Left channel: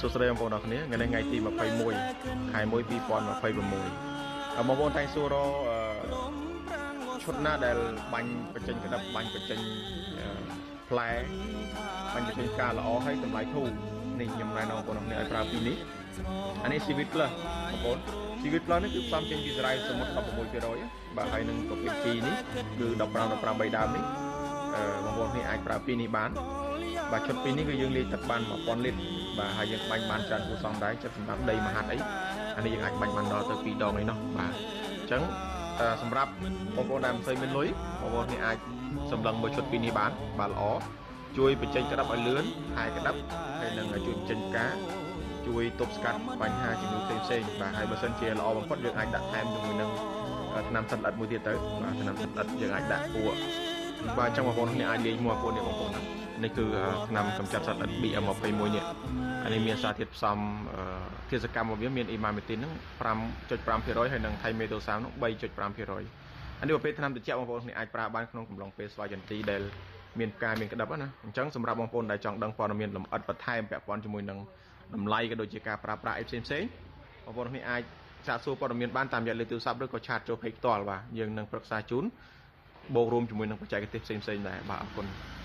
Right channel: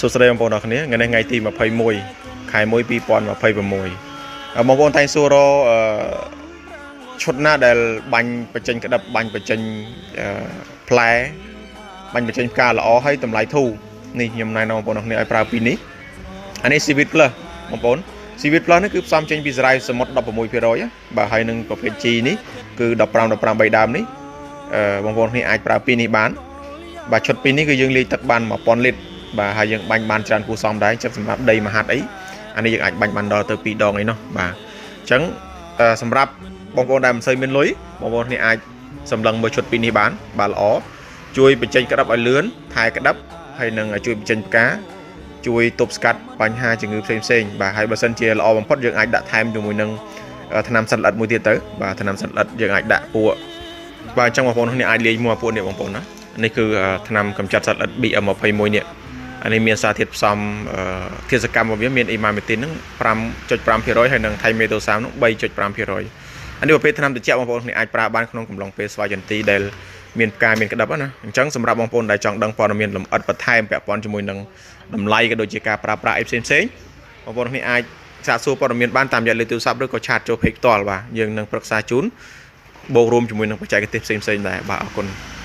សួស្តីបងប្អូនអរគ្នាថ្ងៃនេះថ្ងៃទី21ខែ1 2026បងប្អូនតែងសួររឈុតណាដែលបាញ់បញ្ចេញក្តាប់បាញ់បញ្ចេញផ្លែបាញ់បញ្ចេញផ្កាល្អហើយតម្លៃធូរនេះខ្ញុំណែនាំបងប្អូនអរគ្នាឲ្យប្រើពីនេះអានេះ Civic Plus បងប្អូន Civic Plus នេះគឺផ្សំចេញពីសារ៉ាយសមុទ្រ 16% បាទហើយនឹងប្រភេទ G នេះគឺ15 3ដើមនេះបងប្អូនគ្នាអាចប្រើពីនេះបានបាទឈុតពីនេះគឺយើងលាយទឹកបាន 1000 លីត្របាទហើយយើងបាញ់បានច្រើនគួរសមដែរចិត្តសម្រាប់ដីមហាត់អីអានេះយើងអាចបាញ់បានដល់ទៅ2ដងអីនោះបាទអញ្ចឹងសម្រាប់បងប្អូនដែលមិនសូវមានលុយបងប្អូនគ្នាអាចសម្លឹងមើលឈុតពីនេះបានបាទល្អជួយបញ្ចេញក្តាប់ឲ្យលឿនថែក្តាប់ហើយនឹងជួយបញ្ចេញផ្កាជួយទប់ស្កាត់បញ្ហាជំងឺផ្សេងៗបាទហើយបើសិនជាល្អបំផុតយើងអាចដាក់ថែមជាមួយនឹងថ្នាំសត្វល្អិតមួយទៀតទៅបាទថ្នាំសត្វល្អិតយើងអាចដាក់ពួកបាទអញ្ចឹងបងប្អូនគ្នាអាចលាយមួយពួកនេះបងប្អូនណានេះគឺថ្នាំកម្ចាត់សត្វល្អិត BM21 នេះអានេះមានសារធាតុផ្សំធាតុសកម្មរបស់វាមានអ៊ីម៉ាមេទីនហ្នឹង 5.5% ហើយនឹងថៃមេតូសាមហ្នឹង 3.5% អានេះប្រភេទថ្នាំត្រជាក់បងប្អូនគ្នាអាចប្រើបានក្នុងកំឡុងពេលស្វាយចន្ទីដែលមានផ្កាមានក្តាប់ណាអញ្ចឹងសម្រាប់បងប្អូនដែលចង់ដឹងព័ត៌មានលម្អិតបន្ថែមពាក់ព័ន្ធជាមួយនឹងតម្លៃក៏ដូចជាការប្រើប្រាស់អីផ្សេងៗបងប្អូនគ្នាអាចសាកសួរព័ត៌មានបានតាមរយៈលេខទូរស័ព្ទឬក៏ឆាតចូល page ផ្ទាល់បាទយើងនឹងប្រឹក្សាជូនបូករួមជាមួយនឹងបច្ចេកទេសផ្សេងៗដែរបាទអរគុណ